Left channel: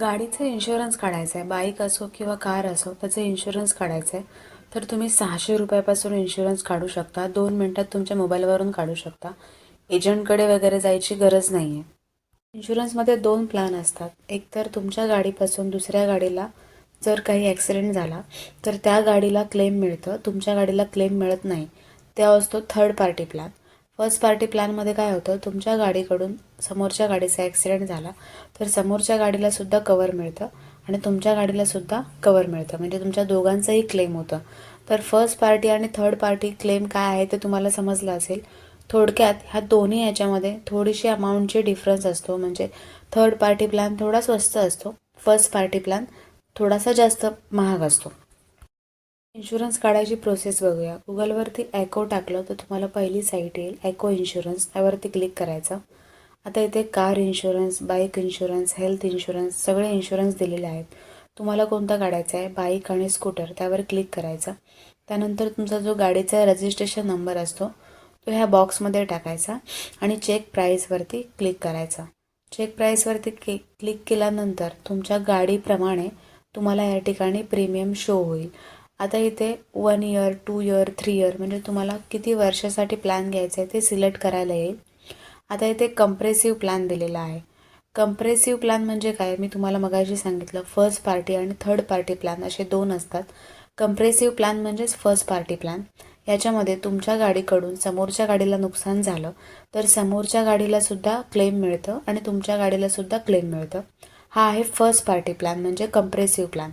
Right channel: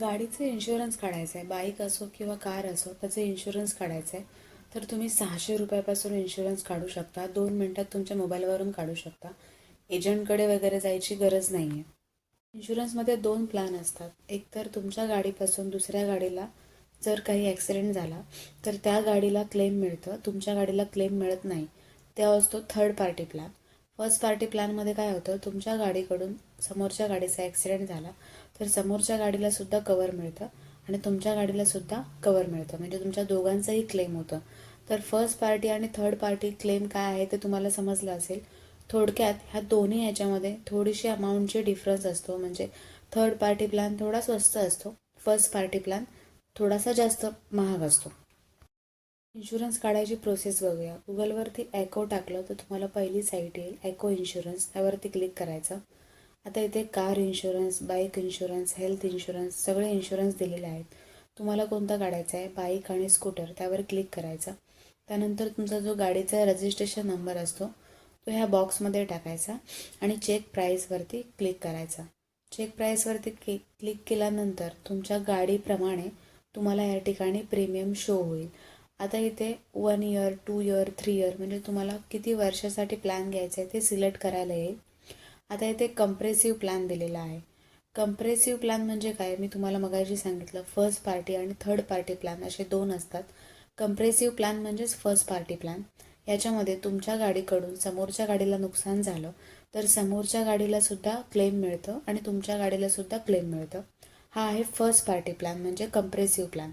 गाडीचा इन्शुरन्स काढायचा आहे, बाईक असो किंवा कार असो, त्याचा इन्शुरन्स काढायचा आहे. तर तुम्ही 600 रुपयापासून इन्शुरन्स काढू शकता. 2 मिनटात तुमच्या मोबाईलवरून काढू शकता. एजंटकडे वगैरे जायची गरज नाही आहे. इन्शुरन्समध्ये 2 प्लॅन असतात. एक तर तुमच्या गाडीपासून दुसऱ्या गाडीला जर काही ॲक्सिडेंट झाला तर त्या गाडीला क्लेम मिळतं, तुमच्या गाडीला क्लेम मिळत नाही. त्या असतो third party plan. First party प्लॅनमध्ये काय होतं, तुमच्या गाडीकडून समोरच्या गाडीचा ॲक्सिडेंट झाला तर समोरच्या गाडीला सुद्धा कवर मिळतं आणि तुमच्या गाडीला सुद्धा कवर मिळतं, म्हणजे तुमच्या दोघांचंही क्लेम होतं. तर फर्स्ट पार्टी आणि थर्ड पार्टी क्लेम काय आहे ते तुम्हाला समजलं असेल. थोडक्यात ह्या दोन्ही याच्यामध्ये थोडीशी अमाऊंटची डिफरन्स असतो, म्हणजे थर्ड पार्टी प्लॅन थोडा स्वस्त असतो, फर्स्ट पार्टी प्लॅन थोडासा जास्त महाग असतो. इन्शुरन्स काढायची प्रोसेस बघूया. गुगलवरती ॲको टाकलं तर तुम्हाला पहिली साईट येईल, ॲको इन्शुरन्स. त्यावरती क्लिक करायचं. आता इथे car insurance, bike insurance, health insurance सगळे इन्शुरन्स दिलेले आहेत. तुम्हाला कोणता काढायचा आहे, बाईक आणि स्कूटर, त्यावर क्लिक करायचं. त्यानंतर तुमचा जो गाडीचा रजिस्ट्रेशन नंबर असतो तो ह्या बॉक्समध्ये टाकायचा आणि चेक प्राईसवरती क्लिक करायचा. चेक प्राईसवरती क्लिक केल्यानंतर तुमच्या गाडीप्रमाणे तुम्हाला या ठिकाणी प्रीमियम शो होईल. आता इथे 1 इयर, 2 इयर, 3 इयर म्हणजे तुम्हाला किती वर्षासाठी प्लॅन घ्यायचा आहे ते सिलेक्ट करायला येईल. आता इथे कंप्रेसिव्ह प्लॅन दिलेला आहे. कंप्रेसिव्ह प्लॅन म्हणजे काय, मी तुम्हाला मगाशी सांगितलं, फर्स्ट पार्टी आणि थर्ड पार्टी प्लॅन असे 2 असतात. कंप्रेसिव्ह प्लॅन म्हणजेच फर्स्ट पार्टी प्लॅन. याच्यामध्ये तुमच्या गाडीकडून समोरच्या गाडीला नुकसान झालं तर समोरच्या गाडीला सुद्धा क्लेम मिळतं आणि तुमच्या गाडीला सुद्धा क्लेम मिळतं. हा आहे फर्स्ट पार्टी प्लॅन म्हणजे कंप्रेसिव्ह प्लॅन.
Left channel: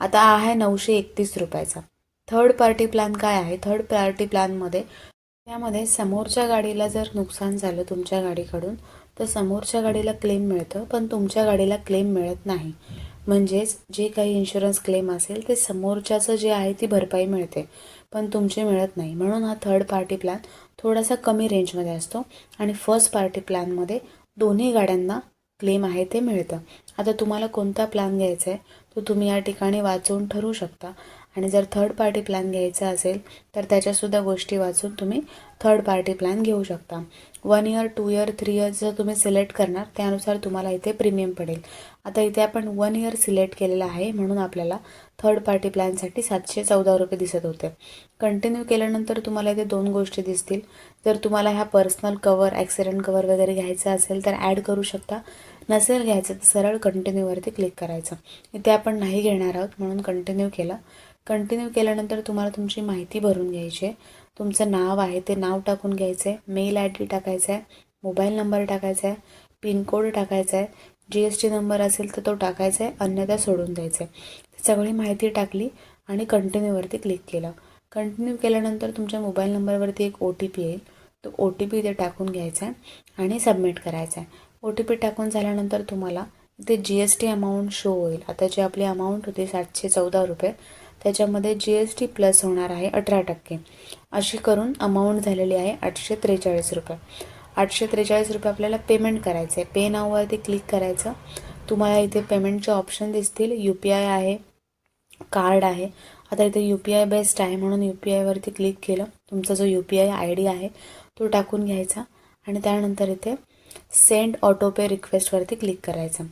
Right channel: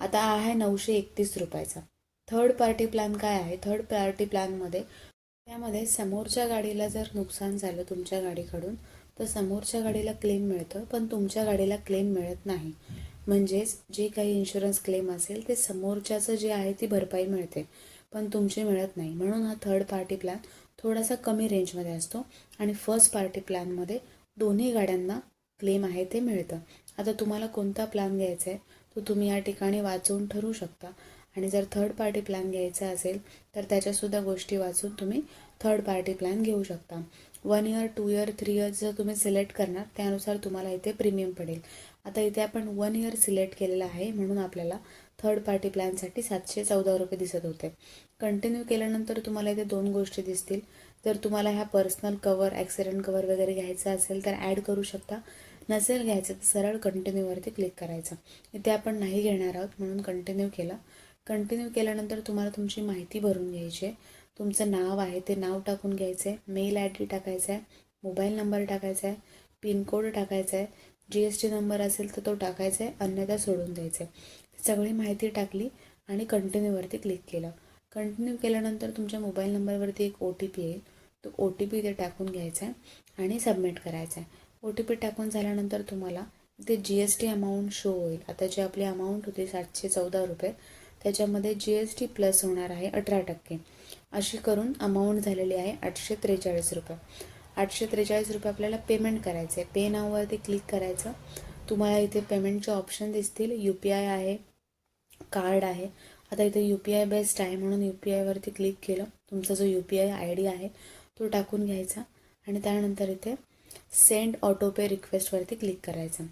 आता हा आहे 931 रुपयाचा. थर्ड पार्टी प्लॅन काय आहे, थर्ड पार्टी प्लॅनमध्ये त्यामध्ये समोरच्या गाडीला जर नुकसान झालं तुमच्या गाडीकडून तर समोरच्या गाडीला क्लेम मिळतं, पण तुमच्या गाडीला क्लेम मिळत नाही. म्हणजेच जे काही इन्शुरन्स क्लेम असेल ते समोरच्याचं जे आहे ती भरपाई मिळते, पण तुमचे मिळत नाही. म्हणून हा थर्ड पार्टी प्लॅन थोडासा कमी रेंजमध्ये असतो आणि फर्स्ट पार्टी प्लॅनमध्ये दोन्ही गाड्यांना क्लेम आहे ते मिळतं. आता तुम्हाला कोणता प्लॅन घ्यायचा आहे तो तुम्ही या ठिकाणी वाचून ठरवू शकता. आणि जर थर्ड पार्टी प्लॅन घ्यायचा असेल तर त्याच्यासुद्धा गोष्टी वाचून तुम्ही थर्ड पार्टी प्लॅन घेऊ शकता. 1 इयर, 2 इयर, 3 इयर जर तुम्ही सिलेक्ट करणार त्यानुसार तुम्हाला इथे प्रीमियम पडेल. आता इथे आपण 1 इयर सिलेक्ट केलेलं आहे म्हणून आपल्याला थर्ड पार्टी प्लॅनसाठी 714 रुपये दिसत होते. कंटिन्यू केल्यानंतर तुम्हाला इथे 2 गोष्टी दिसतील. जर तुम्हाला ह्या पर्सनल कवर, ॲक्सिडेंट कवर वगैरे घ्यायचं असेल तर ॲड करू शकता. नसेल घ्यायचं तर सरळ कंटिन्यूवरती क्लिक करायचं. इथे आपण नाही घेणार आहोत म्हणून कंटिन्यू केलं. कंटिन्यू केल्यानंतर तुम्हाला तुमची माहिती भरून घ्यायची आहे. तुमचं नाव आहे ते नाव टाकून घ्यायचं आहे, मेल आय डी टाकायचा आहे, मोबाईल नंबर टाकायचा आहे, पिनकोड टाकायचा आहे, GST नंबर असेल तर तो टाकायचा आहे, अन्यथा सोडून द्यायचं आहे. सगळी माहिती टाकली आणि कंटिन्यूवरती क्लिक केलं. कंटिन्यू केल्यानंतर तुमच्या मोबाईल नंबरवरती एक OTP येईल. तो OTP इथे टाकून घ्यायचा आहे आणि सबमिट करायचा आहे. OTP टाकून झाल्यानंतर तुम्हाला इथे GST अमाऊंट शो होईल. आता जी आपली अमाऊंट होती 714 रुपये त्याच्यामध्ये GST प्लस होणार आहे 18%. अशी करून अमाऊंट झालेली आहे 843 रुपये. 843 रुपये आपल्याला पेमेंट करायचं आहे. पे नाववरती क्लिक करायचं. तुम्हाला इथे पेमेंटचे ऑप्शन दिसतील. UPI आहे, कार्ड आहे. आता इथे UPI बेस्ड आहे म्हणून UPI वरती क्लिक केलं. तुमचा जो UPI ID आहे तो टाकून घ्यायचा आणि त्यानंतर इथे सेंड ऑटो पे रिक्वेस्टवरती क्लिक करायचं.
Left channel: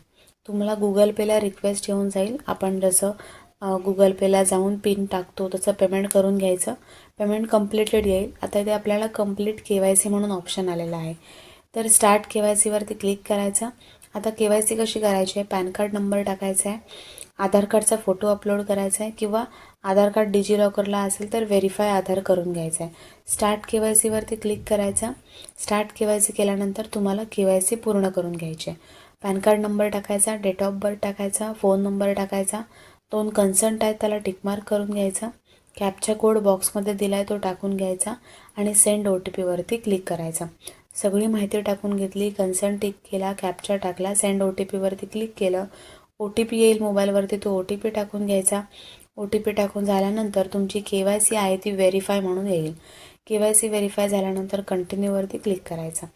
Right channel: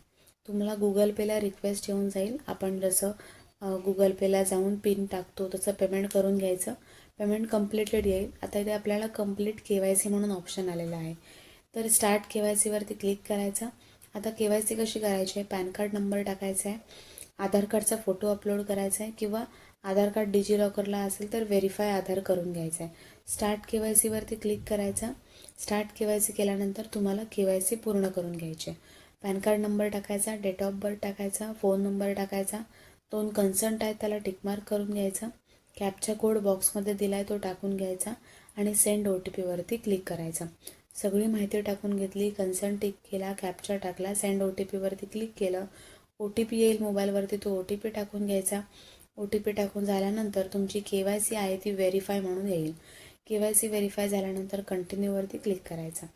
तुम्हाला गुगल पेला रिक्वेस्ट येऊन जाईल. आपण जसं गुगल पेला जाऊन पिन टाकतो तसं पेमेंट करून घ्यायचं. पेमेंट कम्प्लिटेड येईल. आता इथे आपल्याला कंप्लीट KYC म्हणून ऑप्शन आलेला आहे. तर स्टार्ट KYC वरती क्लिक करायचं. आता KYC कशी करायची आहे, पॅन कार्ड नंबर टाकायचा आहे, आधार कार्डचा फोटो अपलोड करायचा आहे किंवा आधार कार्ड डिजिलॉकरला असेल तर व्हेरीफाय आधार करून घ्यायचं आहे. स्टार्ट KYC वरती क्लिक करायचं. स्टार्ट KYC केल्यानंतर तुम्हाला KYC पूर्ण करून घ्यायचे. पॅन कार्ड नंबर टाकायचा, डेट ऑफ बर्थ टाकायचा, फोन नंबर टाकायचा, 2 कन्संट आहेत त्याला टिकमार्क करून घ्यायचा, कॅप्चा कोड बॉक्समध्ये दिला आहे तो टाकून घ्यायचा आणि सेंड OTP वरती क्लिक करायचा. सगळी माहिती टाकून घेतली, कन्संट टिक केला, कॅप्चा टाकला, सेंड OTP वरती क्लिक केलं. OTP येईल मोबाईलवरती, तो OTP टाकून घ्यायचा. OTP टाकून झाल्यानंतर तुमची KYC आहे ती व्हेरीफाय म्हणून येईल. KYC व्हेरीफाय झाल्यानंतर कंटिन्यूवरती क्लिक करायचं.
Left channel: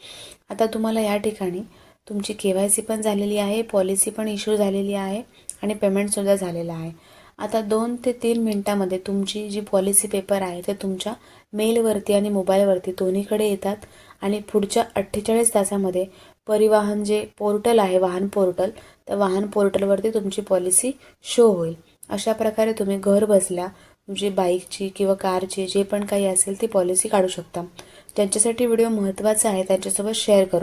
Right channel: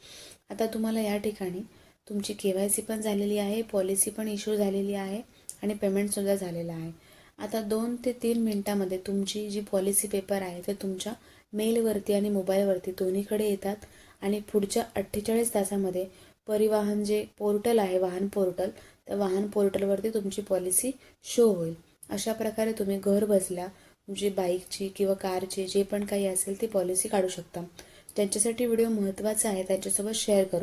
आता तुम्हाला या ठिकाणी तुमची KYC पण झालेली आहे, पॉलिसी पण इश्यू झालेली आहे आणि पेमेंटसुद्धा झालेलं आहे. आता 2 ते 3 मिनटामध्ये तुमची जी पॉलिसी पेपर आहे ते तुमच्या मेलवरती आणि मोबाईलवरती दोन्हीकडे येतात आणि पुढच्या 48 तासामध्ये परिवहन जे पोर्टल आहे, वाहन पोर्टल, त्या वाहन पोर्टलवरती तुमची पॉलिसी शो होईल. अशा प्रकारे तुम्ही घर बसल्या तुमची बाईकची किंवा कारची जे पण काही असेल ती पॉलिसी काढू शकता. ज्यांच्यासाठी व्हिडिओ महत्त्वाचा आहे त्यांच्यासोबत शेअर करू.